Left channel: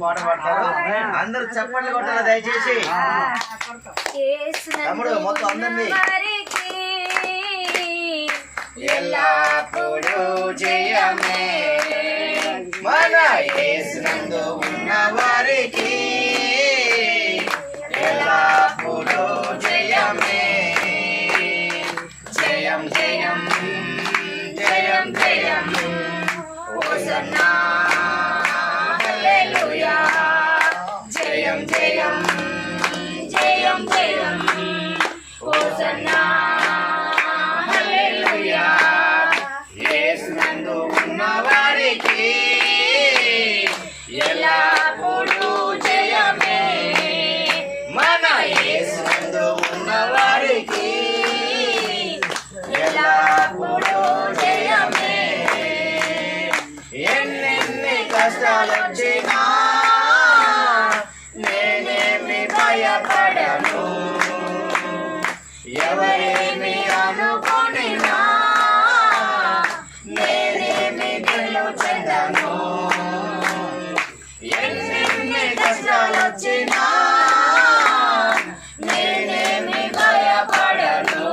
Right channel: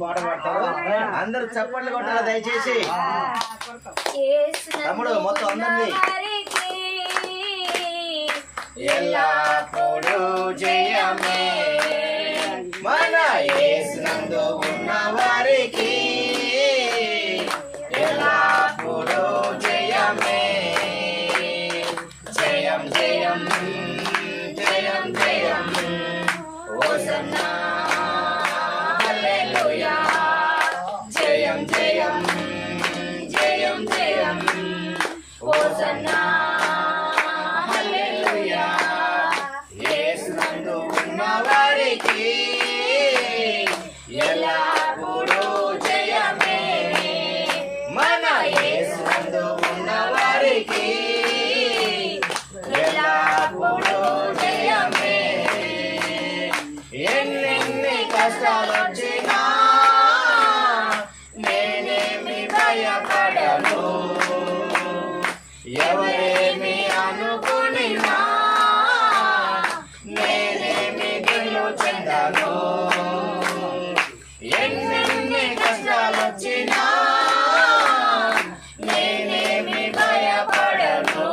పాట పాడతారు. అందరూ చప్పట్లు కొట్టాలి దయచేసి. తమ్ముడు మొత్తం అందరినీ ఎల్లప్పుడూ జయమే మన యేసునందు ఉన్న వారికి ఎల్లప్పుడూ జయమే. జయం జయం జయం జయం హోసన్నా హల్లెలూయా. జయం జయం జయం జయం హోసన్నా హల్లెలూయా. యేసునందు ఉన్న వారికి ఎల్లప్పుడూ జయమే మన యేసునందు ఉన్న వారికి ఎల్లప్పుడూ జయమే. ఎన్నెన్ని కష్టాలొచ్చినా నేనేమి భయపడను, ఎవరేమి అనుకునినా నేనేమి దిగులు చెందను. ఎన్నెన్ని కష్టాలొచ్చినా నేనేమి భయపడను,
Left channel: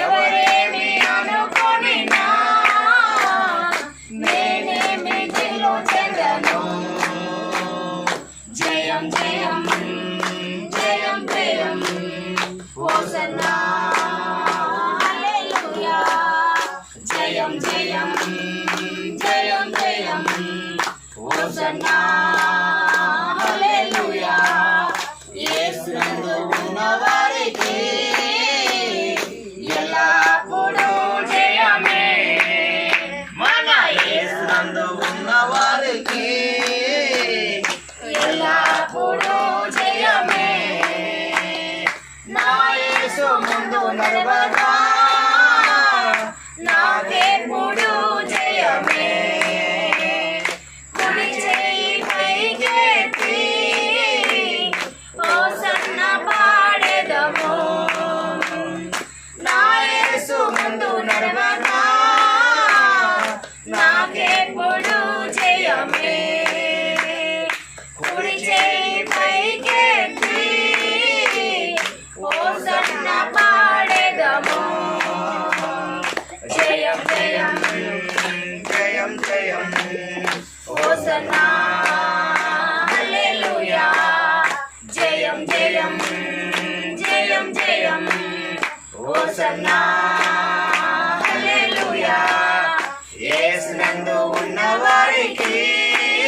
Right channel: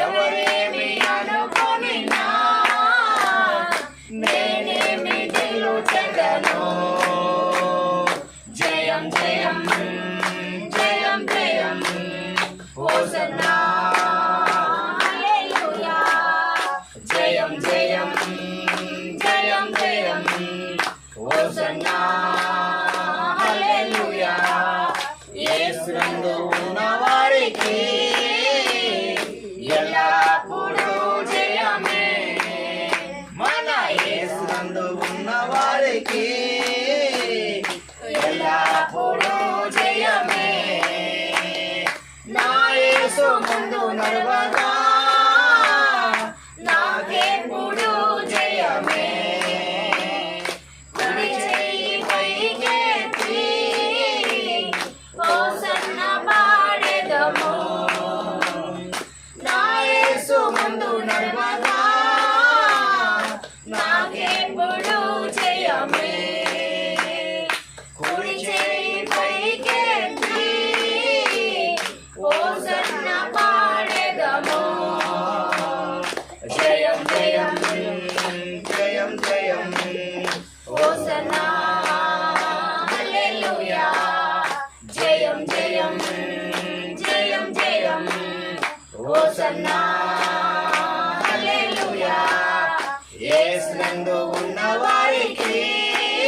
ఎవరేమి అనుకునినా నేనేమి దిగులు చెందను. జయం జయం జయం జయం హోసన్నా హల్లెలూయా. జయం జయం జయం జయం హోసన్నా హల్లెలూయా. యేసునందు ఉన్న వారికి ఎల్లప్పుడూ జయమే మన యేసునందు ఉన్న వారికి ఎల్లప్పుడూ జయమే. నా యేసు ముందు నడవగా నాకెప్పుడు జయమే. కుడి చెయ్యి పైకెత్తి హోసన్న పాడెదము. నా యేసు ముందు నడవగా నాకెప్పుడు జయమే. కుడి చెయ్యి పైకెత్తి హోసన్న పాడెదము. జయం జయం జయం జయం హోసన్నా హల్లెలూయా. జయం జయం జయం జయం హోసన్నా